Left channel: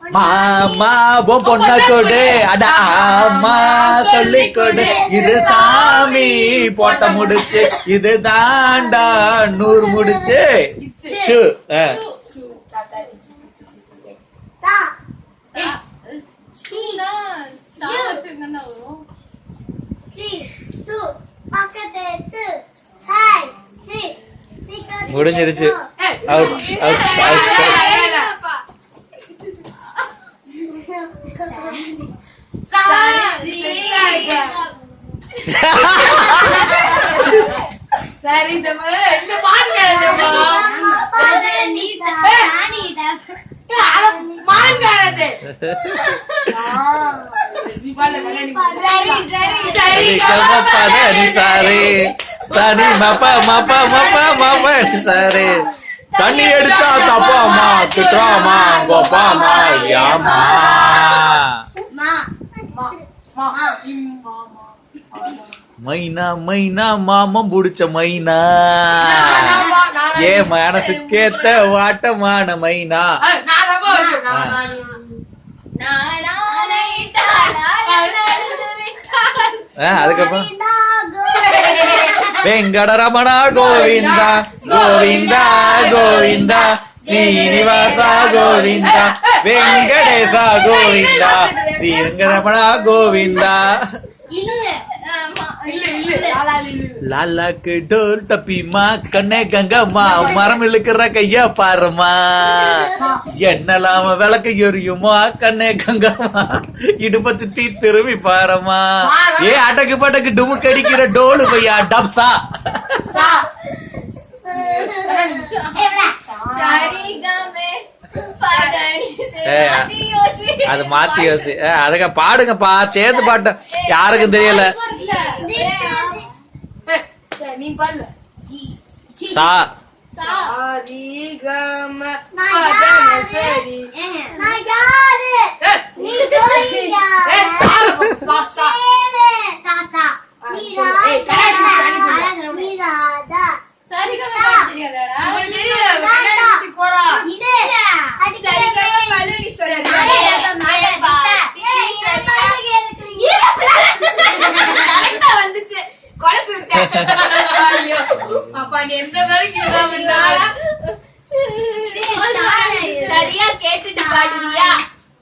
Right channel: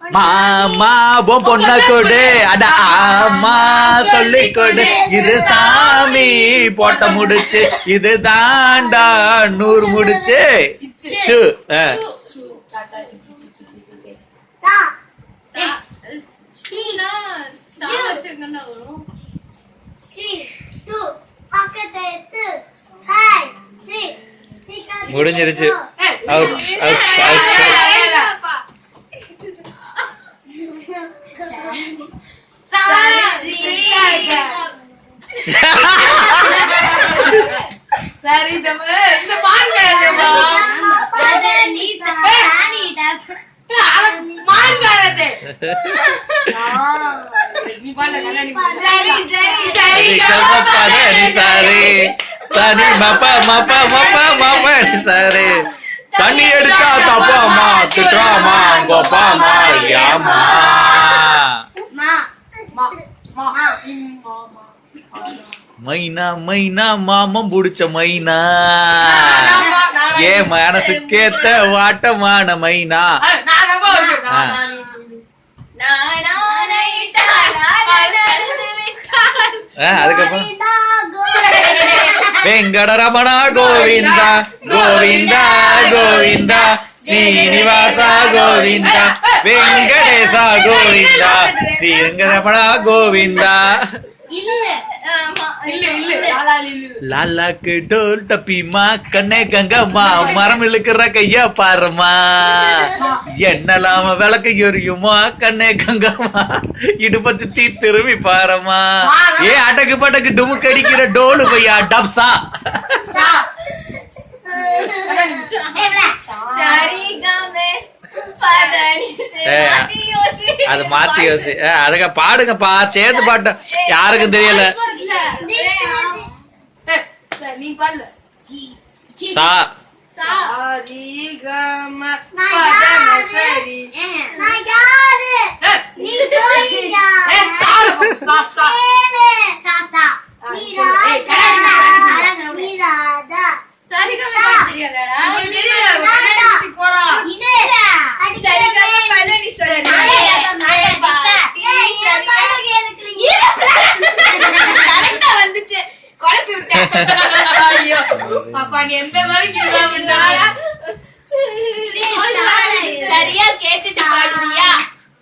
மாமா பொண்ண கொடு அட ஆமா சொல்லி கொடு இது சாமி போட்ட முடிச்சு இது தாண்டா 100 முடிச்சு முடிஞ்சிருச்சு சரி இந்த தனி சாரு தண்ணி அடிச்சா தப்பாமா திட்டுறாமா கோப்பாமா யாமா மைனா மைனா மாமம் புடிச்ச மைனா ஏ மனசுக்கேத்த வாட்டமான மைனா அதுக்கப்புறம் வெங்கடரமணா கோவிந்தா கோவிந்தா கோவிந்தா சீனிவாசா கோவிந்தா வெங்கடேசா கோவிந்தா ஸ்ரீரங்கரமணா கோவிந்தா லாலாக்கு டோல் டப்பிமா கண்ணே கங்கம்மா மரம் இழுக்கிற கையா பாருமா என்னலாம விளக்கு எரியுமா கண்ணே கங்கம்மா இடுப்ப சுத்தி திரும்பி பாருமா ஏ அடக்கு படக்கு டுமுக்கு அடிக்கிற டோலு பையா டப்சா அது மாத்தி யோசி அதுக்க பாடுங்கப்பா சேர்ந்து பாட்ட யாருக்கும் தெரியல சா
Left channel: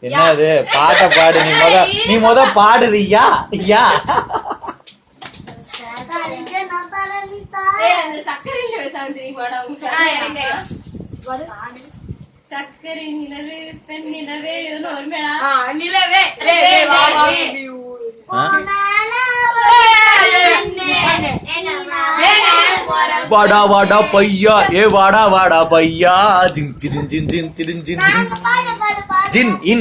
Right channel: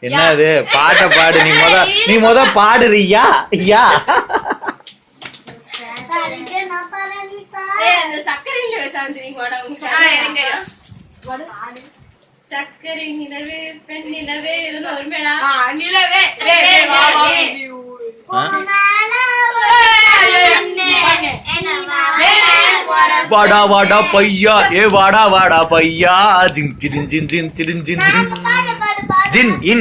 என்னது பாட்ட பாடு நீ முத பாடுறியா ஐயா சக்கரை நிலவே பெண் நிலவே நிலவே வாடா வாடா பையா ஏ வாடா வாடா பையா ஜின் ஜின் ஜின் ஜின் ஜின் ஜின் ஜின்